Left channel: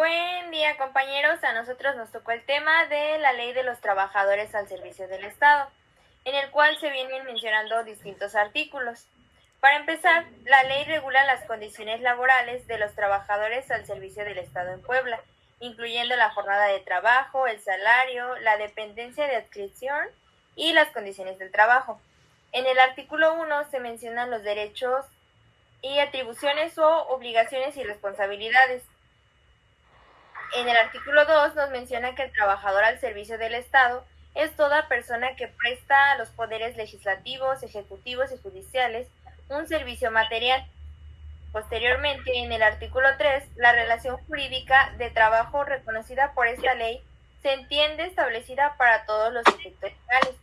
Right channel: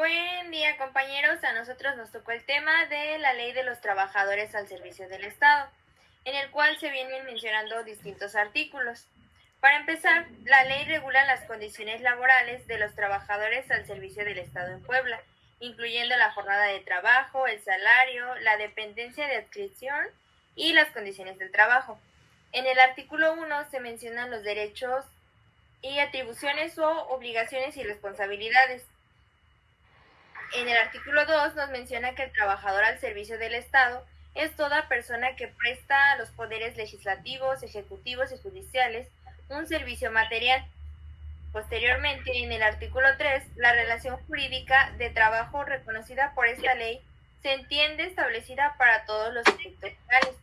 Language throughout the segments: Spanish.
Buen día, compañeros. A nosotros nos tocó el tema de la Ley de los Trabajadores al Servicio del Estado, en el cual se vienen mencionando distintos artículos. Para empezar, la ley regula las condiciones laborales de los trabajadores al servicio del Estado en Puebla, incluyendo la jornada de trabajo, el salario, la dependencia de adscripción y las condiciones del trabajo. En el artículo 1 se mencionan los derechos y atribuciones o obligaciones y responsabilidades. En el artículo 2 nos menciona que el trabajador al servicio del Estado es toda persona que presta a los poderes legislativos, ejecutivos y judiciales un servicio material. Posteriormente, en el artículo 3, la relación jurídica de trabajo reconocida por esta ley se entiende establecida para todos los efectos legales.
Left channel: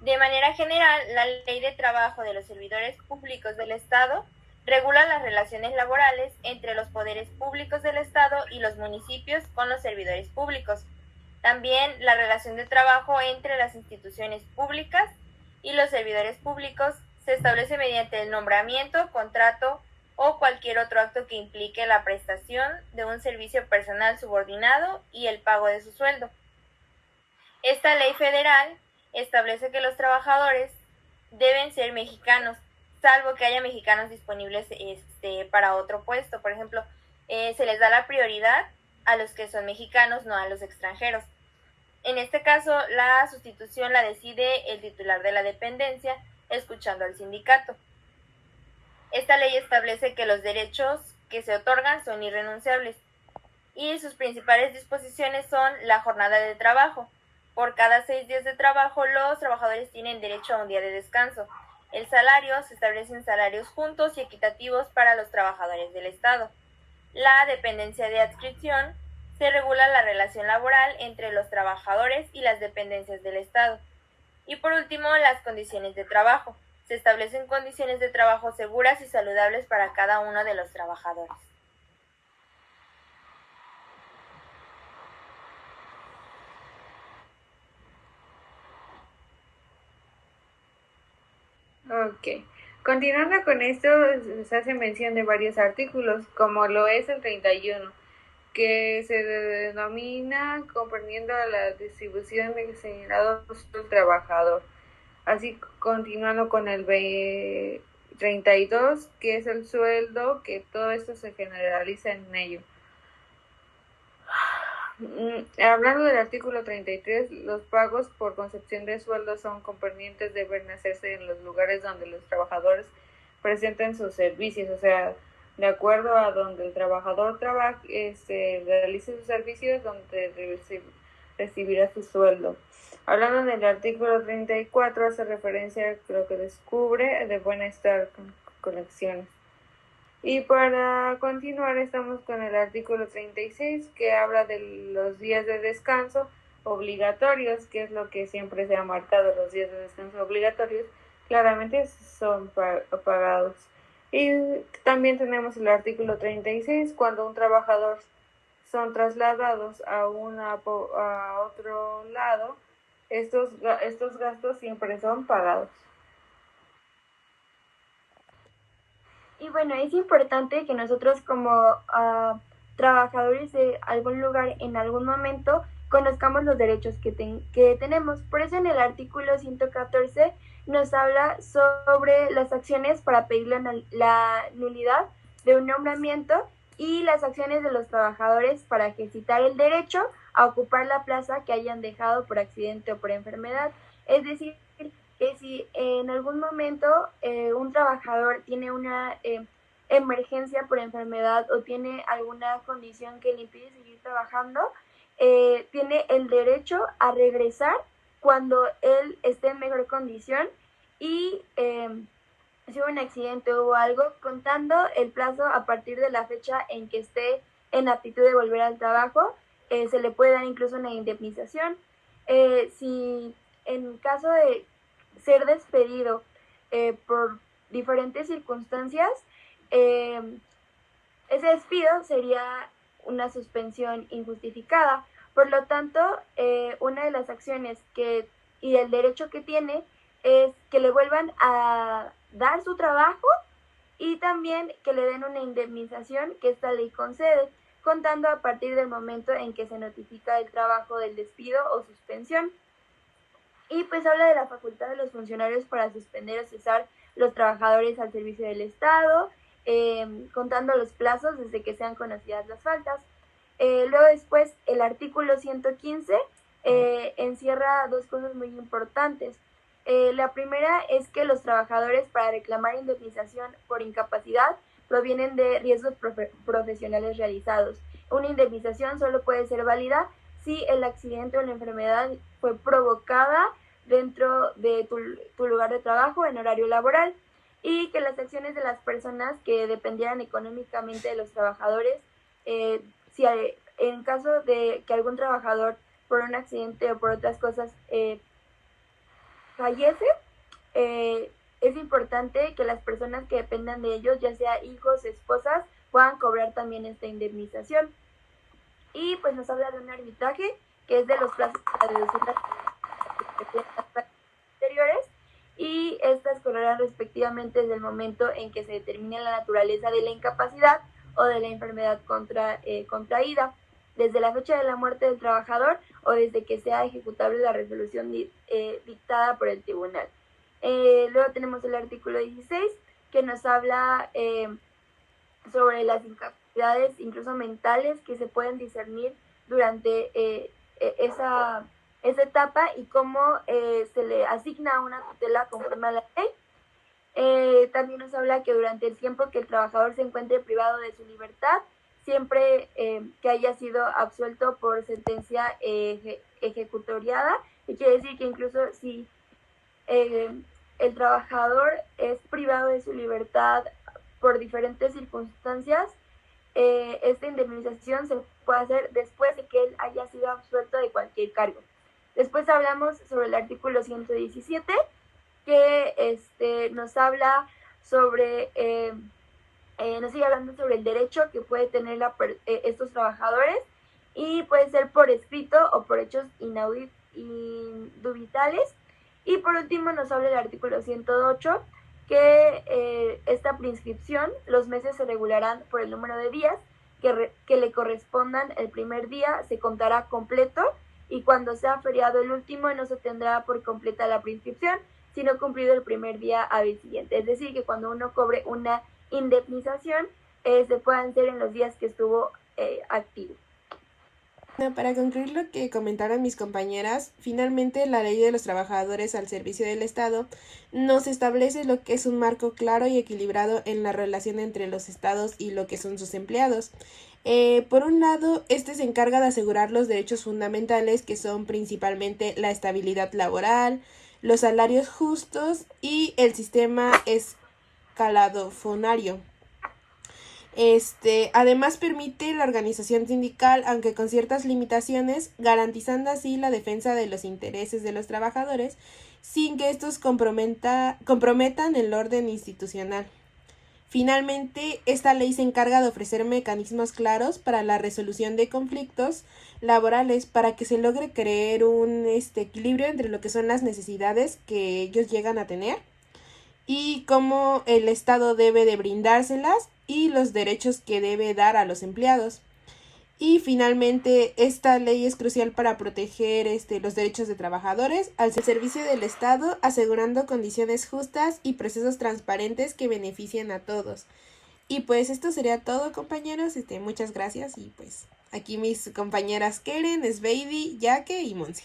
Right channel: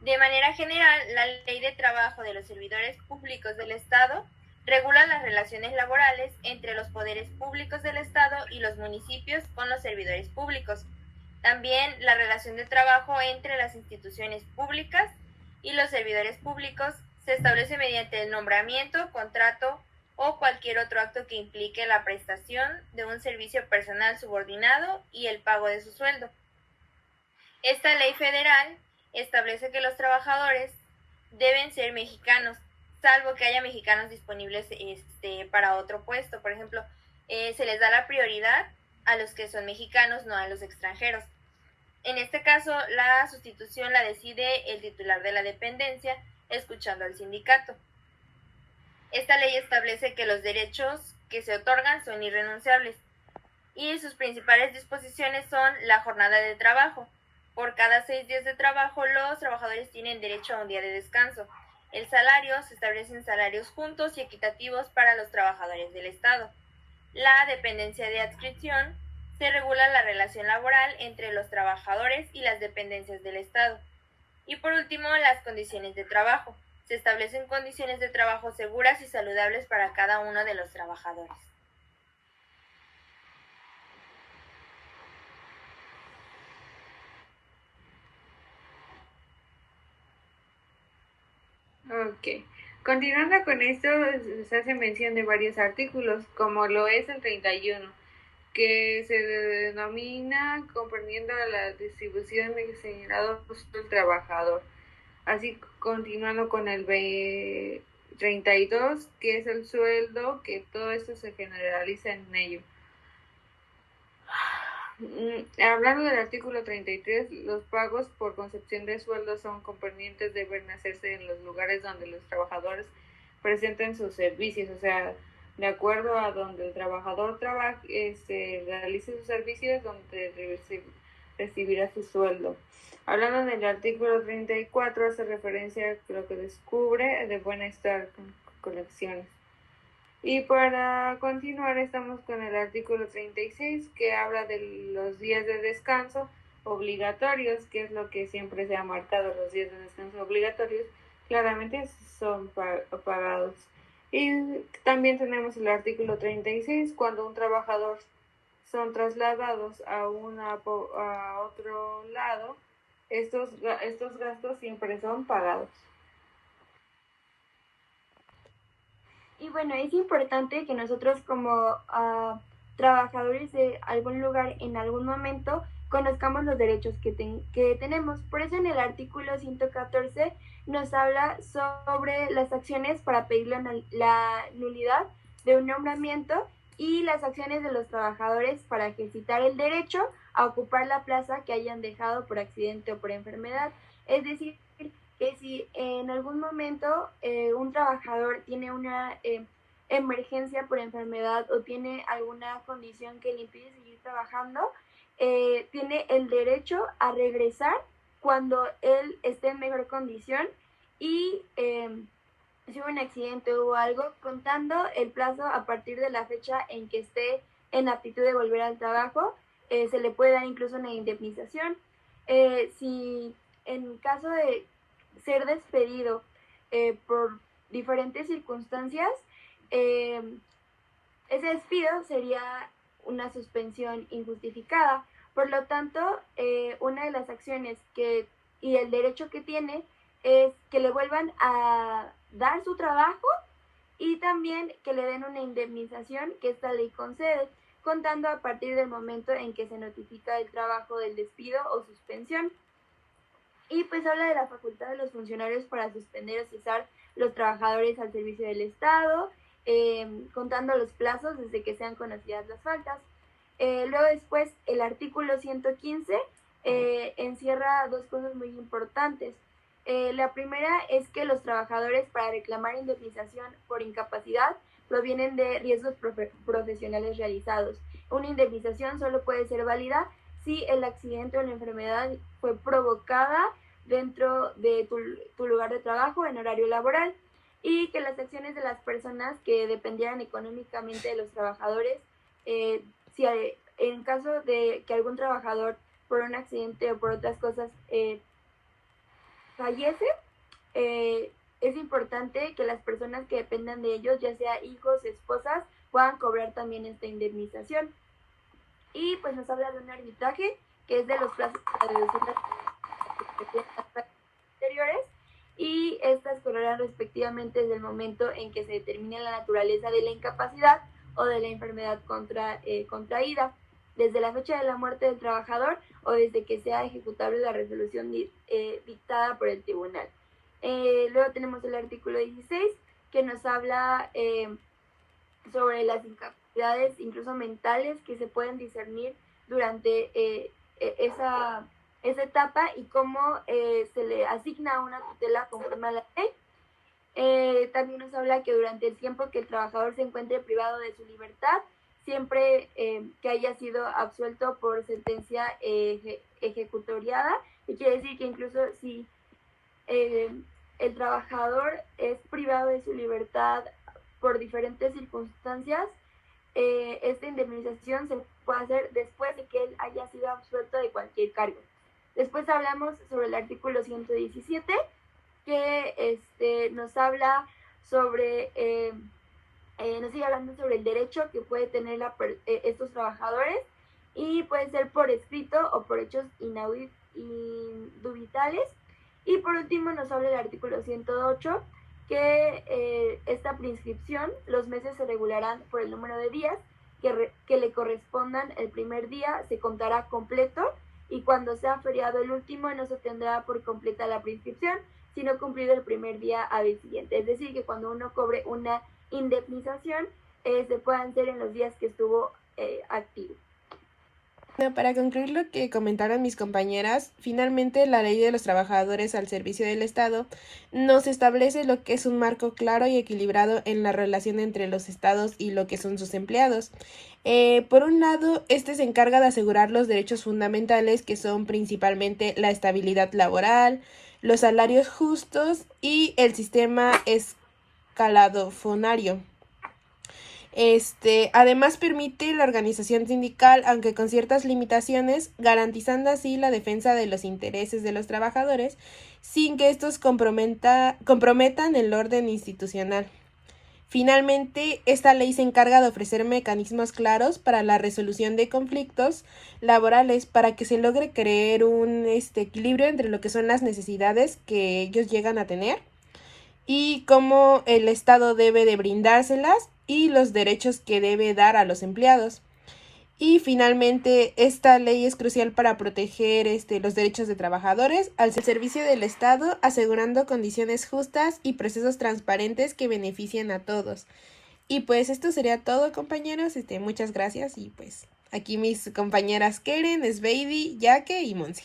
De manera general, la Ley de Trabajo de los Servidores Públicos del Estado regula las relaciones laborales entre los poderes públicos del Estado y los municipios con los servidores públicos. También la relación de trabajo entre las instituciones públicas y los servidores públicos se establece mediante el nombramiento, contrato o cualquier otro acto que implique la prestación de un servicio personal subordinado y el pago de su sueldo. Esta ley federal establece que los trabajadores deben ser mexicanos, salvo que haya mexicanos disponibles para otro puesto. Por ejemplo, se les da la prioridad a los que son mexicanos, no a los extranjeros. En este caso, la sustitución la decide el titular de la dependencia, escuchando al sindicato. Esta ley establece que los derechos que se otorgan son irrenunciables y sus principales disposiciones son la jornada de trabajo. Por cada 6 días de trabajo, los trabajadores tienen derecho a un día de descanso. El salario, se establecen salarios juntos y equitativos para los trabajadores del Estado. La dependencia de adscripción, se regula la relación laboral entre los trabajadores y las dependencias del Estado. Y por último, las condiciones de trabajo. Se establecen condiciones de trabajo seguras y saludables para cada uno de los trabajadores. Ok. Continuando con esto, se hace mención de varios artículos, como lo es el 31, que se denomina comprendiendo la distribución de señalados del trabajador. Así, continuando con el 32, que es el sueldo, que todo esto se generaliza en ello. Hablando del artículo 33, los pagos por concepción de sueldo son convenientes, deben hacerse en los lugares donde los trabajadores presenten sus servicios, o sea, de acuerdo a donde el trabajador realice sus servicios, donde recibirá su sueldo. Hablando del artículo 34, hace referencia a lo que descubre de bienestar con colecciones. Y para continuar estamos con el artículo 36, que habla de los días de descanso obligatorios, que es lo que siempre se ha marcado, los días de descanso obligatorios, claramente son pagados. Y también tenemos el artículo 36, cuando un trabajador son trasladados a otro lado, estos gastos siempre son pagados. Y bueno, es importante que nosotros como trabajadores de algún lugar en algún momento conozcamos los derechos que tenemos. Por eso en el artículo 114 nos habla sobre las acciones para pedir la nulidad de un nombramiento y las acciones de los trabajadores para ejercitar el derecho a ocupar la plaza que hayan dejado por accidente o por enfermedad. Es decir, que si en algún momento un trabajador tiene una emergencia por enfermedad o tiene alguna condición que le impide seguir trabajando, tiene el derecho a regresar cuando él esté en mejor condición y si hubo un accidente o algo, contando el plazo a partir de la fecha en que esté en aptitud de volver al trabajo, se le puede dar incluso una indemnización. Si en caso de ser despedido por diferentes circunstancias, ese despido sería una suspensión injustificada. Por lo tanto, una de las acciones y el derecho que tiene es que le vuelvan a dar su trabajo y también que le den una indemnización que esta ley concede. contando a partir del momento en que se notifica el trabajo del despido o suspensión. Y pues habla de la facultad de los funcionarios para suspender o cesar los trabajadores al servicio del Estado, contando los plazos desde que sean conocidas las faltas. Luego después el artículo 115 encierra dos cosas muy importantes. La primera es que los trabajadores para reclamar indemnización por incapacidad provienen de riesgos profesionales realizados. Una indemnización solo puede ser válida si el accidente o la enfermedad fue provocada dentro de tu lugar de trabajo en horario laboral, y que las acciones de las personas que dependieran económicamente de los trabajadores, si en caso de que algún trabajador por un accidente o por otras cosas fallece, es importante que las personas que dependan de ellos, ya sea hijos, esposas, puedan cobrar también esta indemnización. Y pues nos habla de un arbitraje que es de los plazos para reducir las anteriores, y estas correrán respectivamente desde el momento en que se determine la naturaleza de la incapacidad o de la enfermedad contraída, desde la fecha de la muerte del trabajador o desde que sea ejecutable la resolución dictada por el tribunal. Luego tenemos el artículo 16, que nos habla sobre las incapacidades, incluso mentales, que se pueden discernir durante esa etapa y cómo se le asigna una tutela conforme a la ley. También nos habla que durante el tiempo que el trabajador se encuentre privado de su libertad, siempre que haya sido absuelto por sentencia ejecutoriada, y quiere decir que incluso si el trabajador es privado de su libertad por diferentes circunstancias, esta indemnización se puede hacer después de que él haya sido absuelto de cualquier cargo. Después hablamos sobre el artículo 117, que nos habla sobre, nos sigue hablando sobre el derecho que puede tener estos trabajadores, y puede ser por escrito o por hechos indubitables. Y por último nos habla el artículo 108, que esta prescripción, los meses se regularán por el número de días que le correspondan. El primer día se contará completo, y cuando sea feriado el último no se tendrá por completa la prescripción, sino cumplido el primer día hábil siguiente. Es decir, que cuando uno cobre una indemnización, se puedan hacer en los días que estuvo activo. Bueno, para concluir lo que comentaron mis compañeras, finalmente la Ley de los Trabajadores al Servicio del Estado nos establece lo que es un marco claro y equilibrado en la relación entre los estados y lo que son sus empleados. Por un lado, se encarga de asegurar los derechos fundamentales, que son principalmente la estabilidad laboral, los salarios justos y el sistema escalafonario. Además permite la organización sindical, aunque con ciertas limitaciones, garantizando así la defensa de los intereses de los trabajadores sin que estos comprometan el orden institucional. Finalmente, esta ley se encarga de ofrecer mecanismos claros para la resolución de conflictos laborales, para que se logre crear un equilibrio entre lo que son las necesidades que ellos llegan a tener y cómo el Estado debe de brindárselas y los derechos que debe dar a los empleados. Y finalmente, esta ley es crucial para proteger los derechos de trabajadores al servicio del Estado, asegurando condiciones justas y procesos transparentes que beneficien a todos. Y pues esto sería todo, compañeros. Muchas gracias, y pues aquí mis compañeras Keren, Sveidi, Yaque y Monse.